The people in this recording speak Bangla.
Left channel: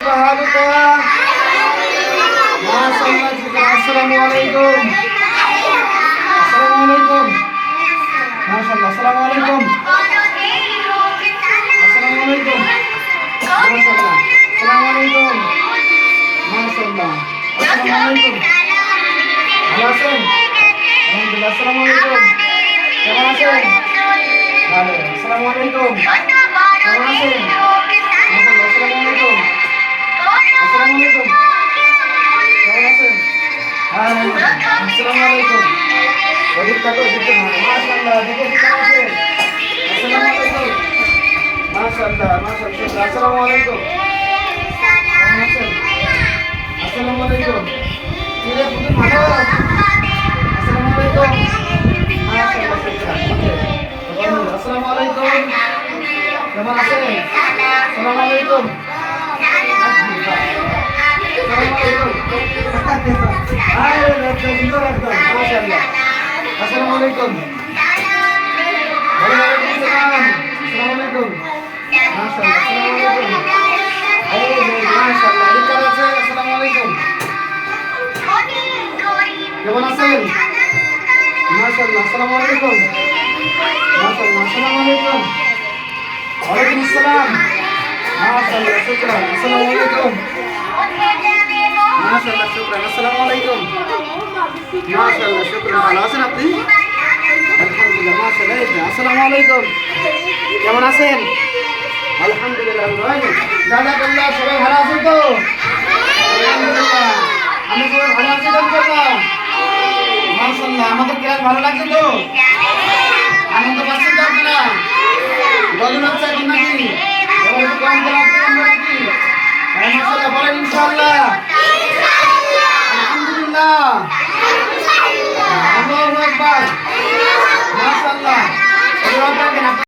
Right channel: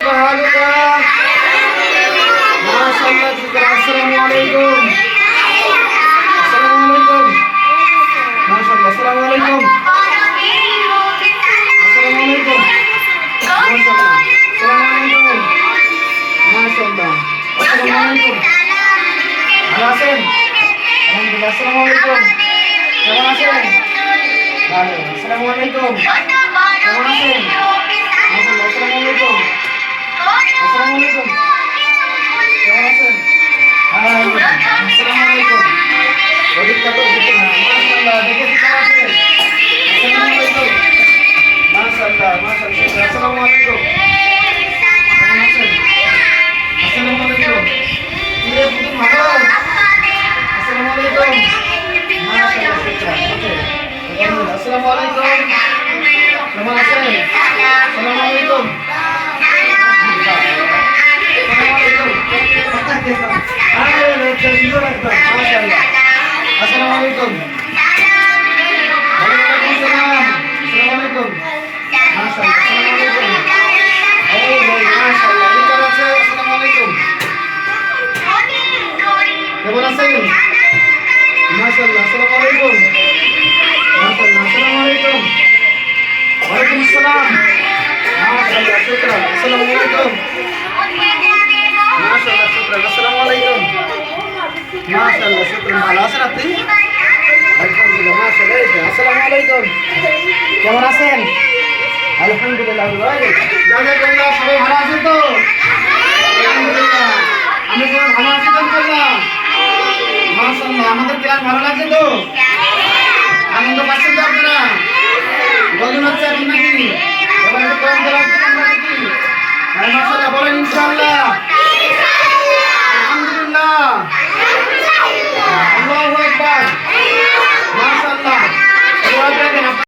Assalamualaikum. Assalamualaikum. Masyaallah. Assalamualaikum. Assalamualaikum. Masyaallah. Assalamualaikum. Masyaallah. Assalamualaikum. Alasan. Alhamdulillah. Assalamualaikum. Terima kasih. Baik. Assalamualaikum. Terima kasih. Masyaallah. Assalamualaikum. Assalamualaikum. Terima kasih. Assalamualaikum. Wajib takut gitu. Masyaallah. Terima kasih. Assalamualaikum. Masyaallah. Masyaallah. Assalamualaikum. Terima kasih. Assalamualaikum. Tidak begitu mahal. Assalamualaikum. Masyaallah. Assalamualaikum. Terima kasih. Assalamualaikum. Assalamualaikum. Waalaikumsalam. Assalamualaikum. Assalamualaikum. Assalamualaikum. Terima kasih. Masyaallah. Assalamualaikum. Masyaallah. Assalamualaikum. Waalaikumsalam. Masyaallah. Syukran. Assalamualaikum. Masyaallah. Syukran. Assalamualaikum. Masyaallah. Syukran. ভালো আছেন আপনি? আলহামদুলিল্লাহ। মাশাআল্লাহ। আসসালামু আলাইকুম। কেমন আছেন? আলহামদুলিল্লাহ। ভাই জাযাকাল্লাহ। সবাই ভালো আছেন তো? আলহামদুলিল্লাহ। আমি সবাই ভালো আছি তো ইনশাআল্লাহ। মাশাআল্লাহ। আমাদের ক্লাস ভালো লাগছে তো? আনন্দ পাচ্ছেন তো আপনারা? বলুন হচ্ছে এখন নাকি? এবার একটু কম লাগছে আমরা নাকি? মাশাআল্লাহ। বলেন ইনশাআল্লাহ। আলহামদুলিল্লাহ। আল্লাহু আকবার। মাশাআল্লাহ।